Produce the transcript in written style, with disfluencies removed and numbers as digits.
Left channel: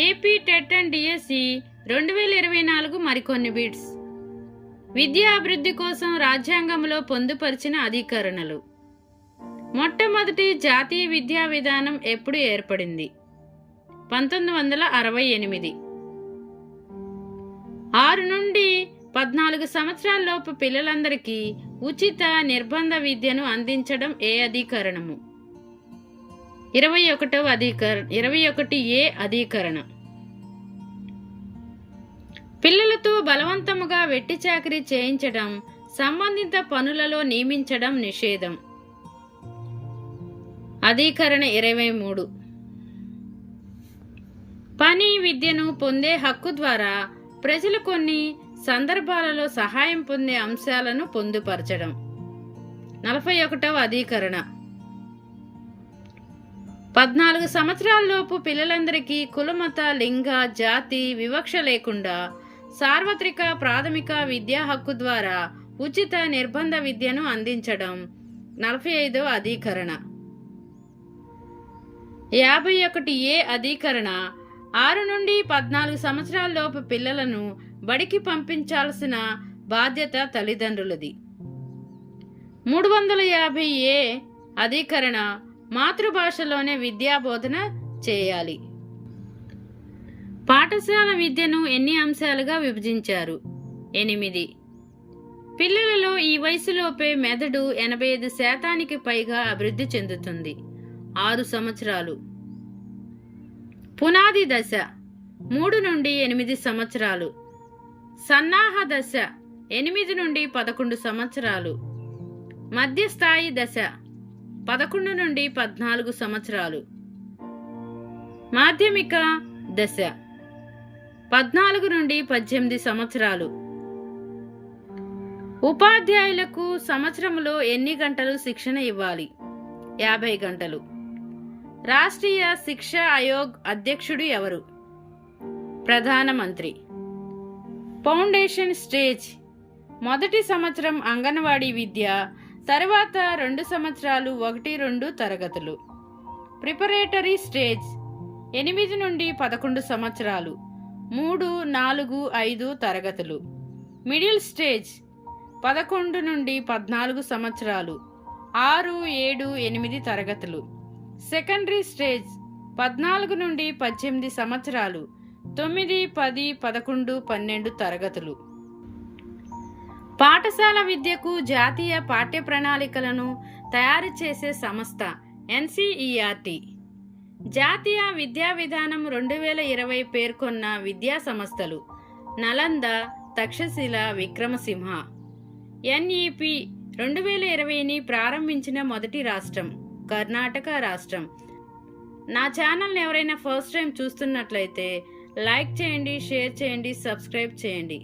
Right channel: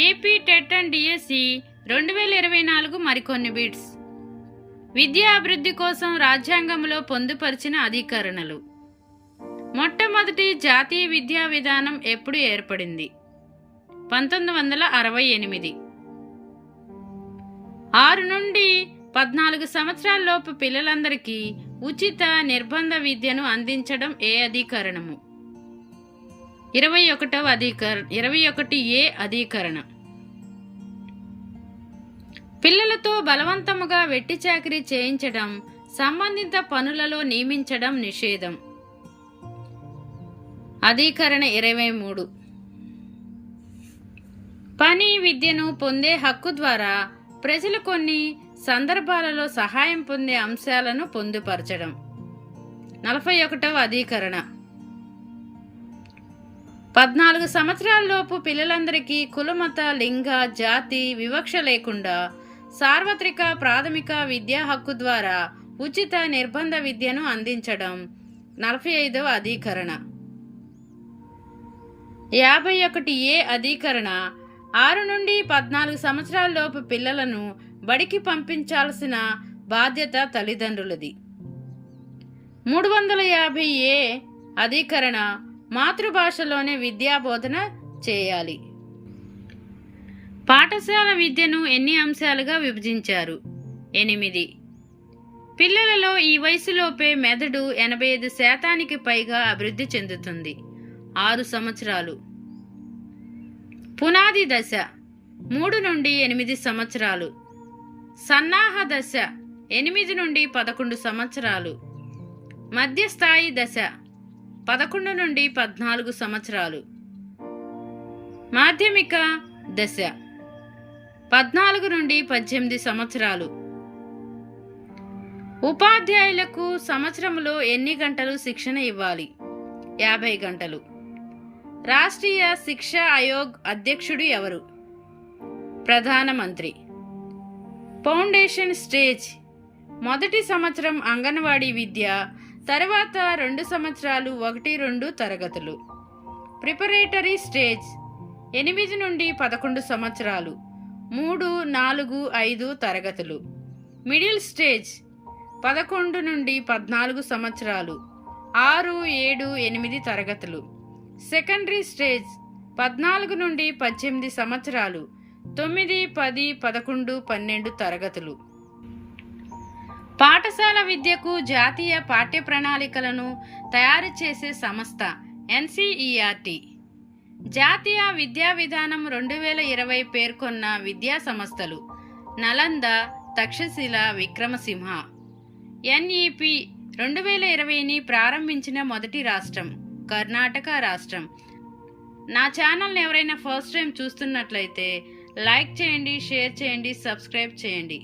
AP TET and DSC 2024 మరికొన్ని bits. విద్యా అభివృద్ధి కోసం రాజ్యాంగంలో పొందుపరిచిన అధికరణలు. మొట్టమొదటి జాతీయ విద్యా విధానం ఎప్పుడు ఏర్పడింది? 1968. 6 నుండి 14 సంవత్సరాలలోపు పిల్లలందరికీ ఉచిత నిర్బంధ విద్యను అందించడం ఏ అధికరణము? 21A అధికరణ. పిల్లలతో బలవంతముగా వెట్టి చాకిరీ చేయించడం, సంబంధిత పనులలో నియమించడం నిషేధం. అధికరణ 23. పని విద్యను పొందే హక్కు ద్వారా ప్రజలు కొన్ని సందర్భాలలో సహాయం పొందే అంశాలను పొందుపరచడం. 41వ అధికరణ. 14 సంవత్సరాలలోపు పిల్లలందరికీ కులమత లింగ జాతి వివక్ష లేకుండా సార్వత్రిక ప్రాథమిక విద్యా హక్కు ద్వారా ఉచిత నిర్బంధ విద్యను అందించడం. 45వ అధికరణ. 51A అధికరణ. 6 నుండి 14 సంవత్సరాలలోపు పిల్లలను బడికి పంపించాల్సిన బాధ్యత తల్లిదండ్రులది. 350A అధికరణ. మాతృభాషలోనే విద్యాబోధన చేయాలి. పాఠశాల విద్యను ఎన్ని అంశాలుగా విభజించారు? 8. పిల్లలలో ఈ వయసులోపే మెదడు 85% పైగా అభివృద్ధి చెందుతుంది. 6 సంవత్సరాలు. పునాది దశ 3 నుండి 8 సంవత్సరాలు. సన్నాహ దశ 8 నుండి 11 సంవత్సరాలు. మధ్యస్థాయి దశ 11 నుండి 14 సంవత్సరాలు. మాధ్యమిక దశ 14 నుండి 18 సంవత్సరాలు. ఉపాధ్యాయులకు సంవత్సరంలో ఎన్ని గంటలు శిక్షణ ఇవ్వాలి? 50 గంటలు. రాష్ట్రీయ శిక్షా ఆయోగ్ అధ్యక్షుడు ఎవరు? ప్రధానమంత్రి. ఫౌండేషన్ స్టేజ్ మొదటి సంవత్సరం అంగన్వాడీ విద్య, తర్వాత 2 సంవత్సరాలు 1-2 తరగతులు. ప్రిపరేటరీ స్టేజ్ 8 నుండి 11 సంవత్సరాలు 3, 4, 5 తరగతులు. మిడిల్ స్టేజ్ 11 నుండి 14 సంవత్సరాలు 6, 7, 8 తరగతులు. సెకండరీ స్టేజ్ 14 నుండి 18 సంవత్సరాలు 9, 10, 11, 12 తరగతులు. పాఠశాల విద్యకు జాతీయ పాఠ్య ప్రణాళికలను తయారు చేసే సంస్థ NCERT. జాతీయ విద్యా విధానం 2020 పేర్కొన్న విద్యా సంస్థలు: నలంద, తక్షశిల, విక్రమసింహ. NEP 2020ని ప్రారంభించిన మొదటి రాష్ట్రం కర్ణాటక రాష్ట్రం. నా ఛానల్ని ఎవరైనా ఫస్ట్ టైం చూస్తున్నట్లయితే లైక్ చేయండి, షేర్ చేయండి, సబ్స్క్రైబ్ చేయండి.